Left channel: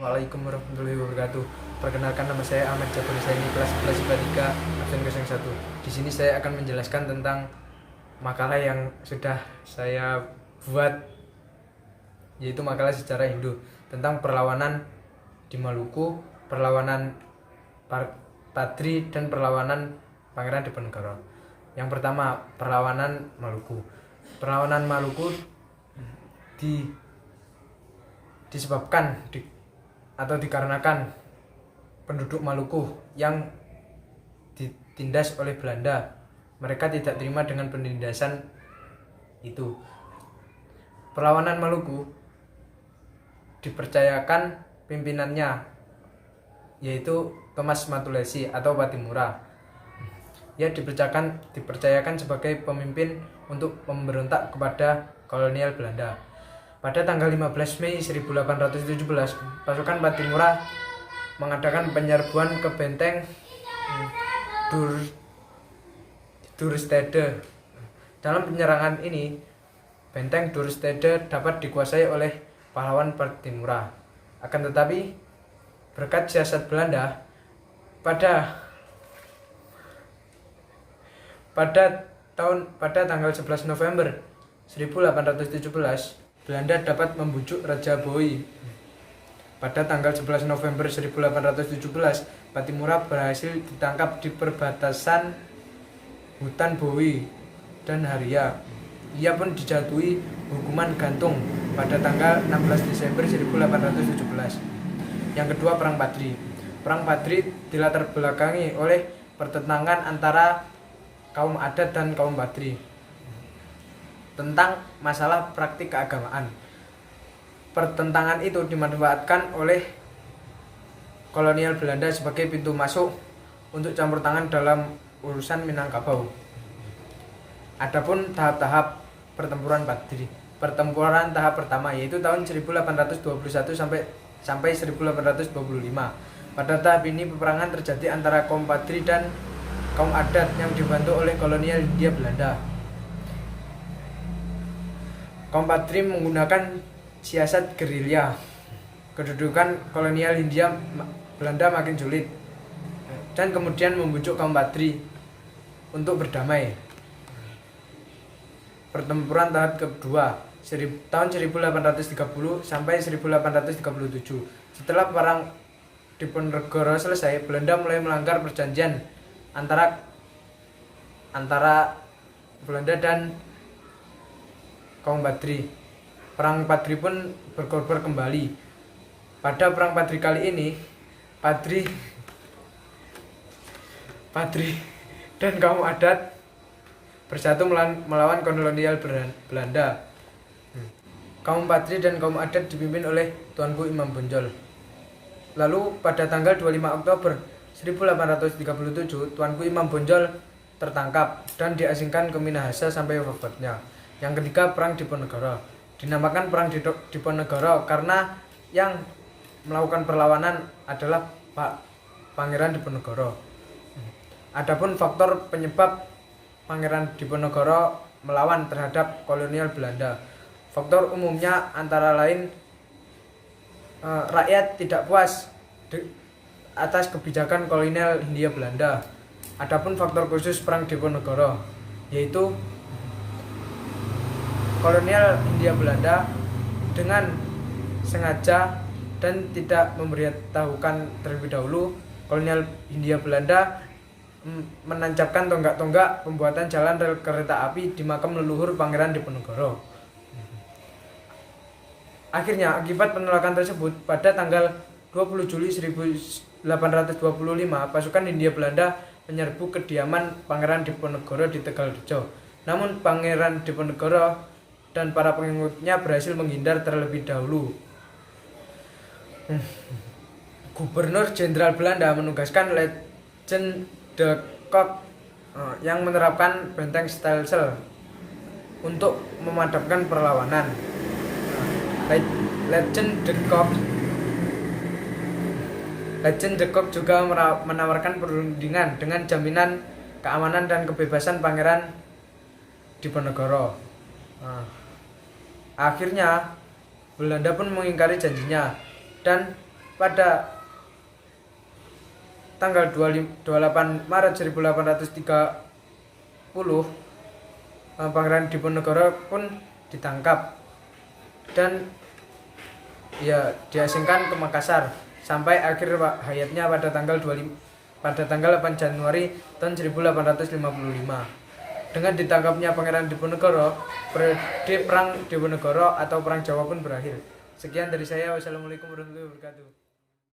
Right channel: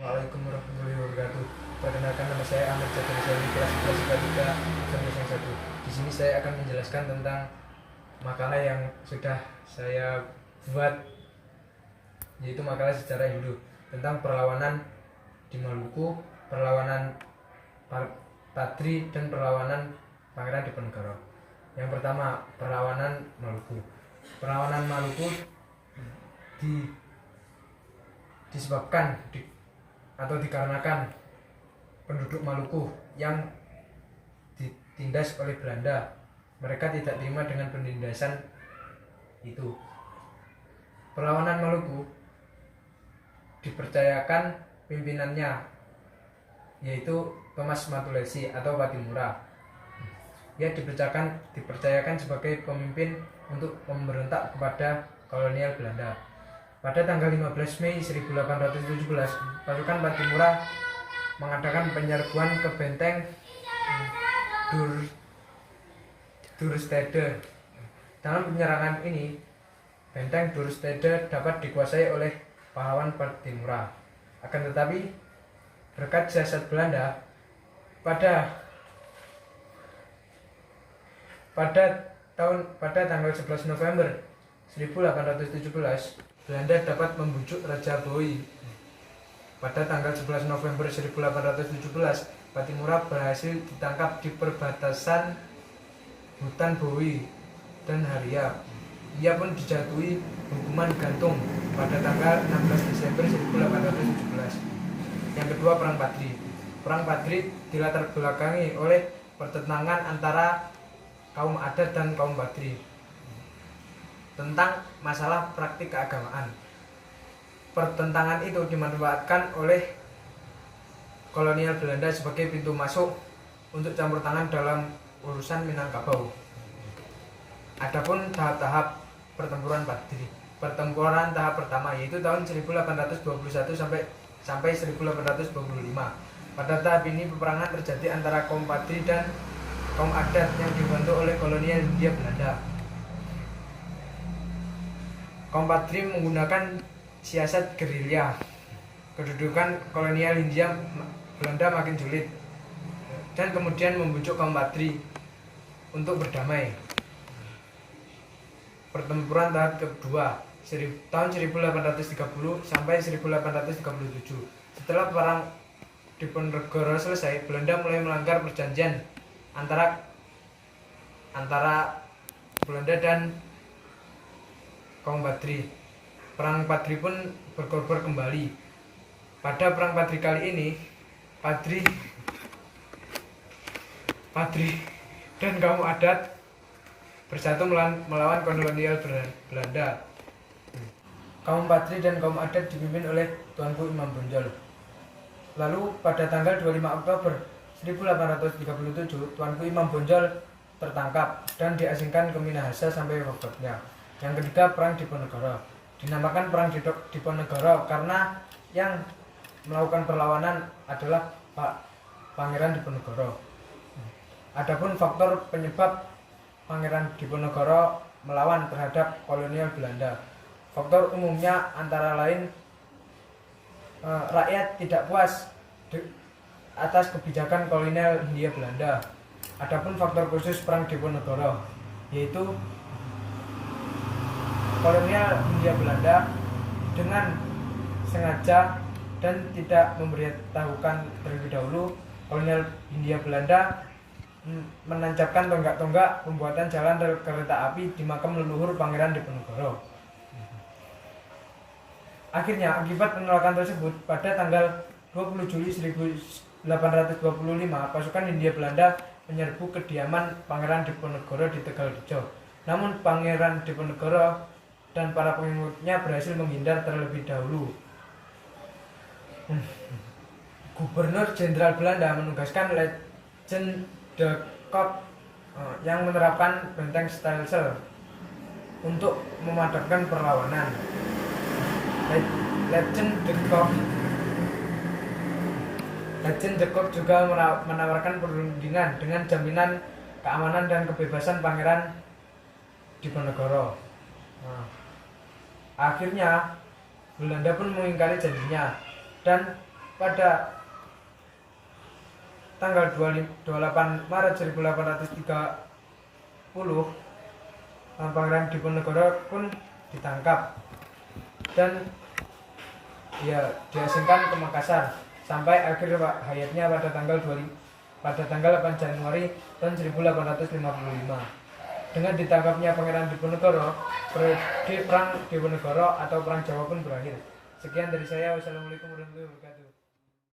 Waalaikumsalam warahmatullahi wabarakatuh. Perkenalkan, nama saya Ahmed Catur Saini, kelas 11 IPA 3 absen 1. Di sini saya akan menjelaskan tentang makalah yang sudah saya buat, yaitu makalah sejarah Hindu tentang perlawanan di Maluku, perlawanan Padri dan perlawanan Pangeran Diponegoro. Yang pertama, perlawanan Maluku. Perlawanan Maluku disebabkan atau dikarenakan penduduk Maluku yang ditindas oleh Belanda. Mereka tidak terima dengan penindasan itu. Perlawanan Maluku dipercayakan pimpinannya, yaitu Thomas Matulesi atau Patimura. Ia dipercayakan sebagai pemimpin untuk memberontak kepada kolonial Belanda. Pada tanggal 15 Mei 1817, pasukan Patimura mengadakan penyerbuan ke benteng Duurstede. Dalam penyerangan ini, benteng Duurstede dapat dikuasai oleh pahlawan Patimura. Akan tetapi, berkat siasat Belanda, pada tanggal 11 November 1817, Belanda dapat membujuk Raja Bowie. Pada tanggal 11 November 1817, Patimura berhasil ditangkap di perbatasan hutan Bowie dan Haria. Ia pun dijatuhi hukuman gantung pada tanggal 16 Desember 1817. Yang kedua, Perang Padri. Perang Padri dilatar belakangi oleh pertentangan antara kaum adat dan kaum Padri tentang masalah praktik keagamaan. Pertentangan itu dimanfaatkan oleh kolonial Belanda sebagai pintu masuk untuk campur tangan dalam urusan Minangkabau. Adapun tahap-tahap pertempuran Padri. Pertempuran tahap pertama yaitu tahun 1821 sampai 1825. Pada tahap ini peperangan terjadi antara kaum Padri dan kaum adat yang dibantu oleh kolonial Hindia Belanda. Kaum Padri menggunakan siasat gerilya. Kedudukan kolonial Hindia Belanda makin sulit, dan kemudian membujuk kaum Padri untuk berdamai. Pertempuran tahap kedua tahun 1830 sampai 1837. Setelah perang Diponegoro selesai, Belanda mulai melanggar perjanjian antara Belanda dan kaum Padri. Perang Padri pun berkobar kembali. Pada perang Padri kali ini, Padri dan kaum adat bersatu melawan kolonial Belanda. Kaum Padri dan kaum adat dipimpin oleh Tuanku Imam Bonjol. Lalu pada tanggal 25 Oktober 1837, Tuanku Imam Bonjol tertangkap dan diasingkan ke Minahasa sampai wafatnya. Yang ketiga, Perang Diponegoro. Dinamakan Perang Diponegoro karena yang melakukan perlawanan adalah Pangeran Diponegoro. Adapun faktor penyebab Pangeran Diponegoro melawan terhadap kolonial Belanda, faktor umumnya antara lain rakyat tidak puas atas kebijakan kolonial Hindia Belanda. Adapun faktor khusus Perang Diponegoro yaitu kolonial Hindia Belanda dengan sengaja dan tidak memberitahukan terlebih dahulu, kolonial Hindia Belanda menancapkan tonggak-tonggak pembuatan jalan rel kereta api di makam leluhur Pangeran Diponegoro. Akhirnya, akibat penolakan tersebut, pada tanggal 20 Juli 1825, pasukan Hindia Belanda menyerbu kediaman Pangeran Diponegoro di Tegalrejo. Namun Pangeran Diponegoro dan para pengikutnya berhasil menghindar terlebih dahulu. Gubernur Jenderal Belanda menugaskan Legend de Kock yang menerapkan benteng Stelsel untuk memadamkan perlawanan. Legend de Kock juga menawarkan perundingan dengan jaminan keamanan dan kebebasan Pangeran Diponegoro. Akhirnya Belanda pun mengingkari janjinya dan pada tanggal 28 Maret 1830 Pangeran Diponegoro pun ditangkap dan ya diasingkan ke Makassar sampai akhir hayatnya pada tanggal 8 Januari tahun 1855. Dengan ditangkapnya Pangeran Diponegoro, periode Perang Diponegoro atau Perang Jawa pun berakhir. Sekian dari saya. Wassalamualaikum warahmatullahi wabarakatuh.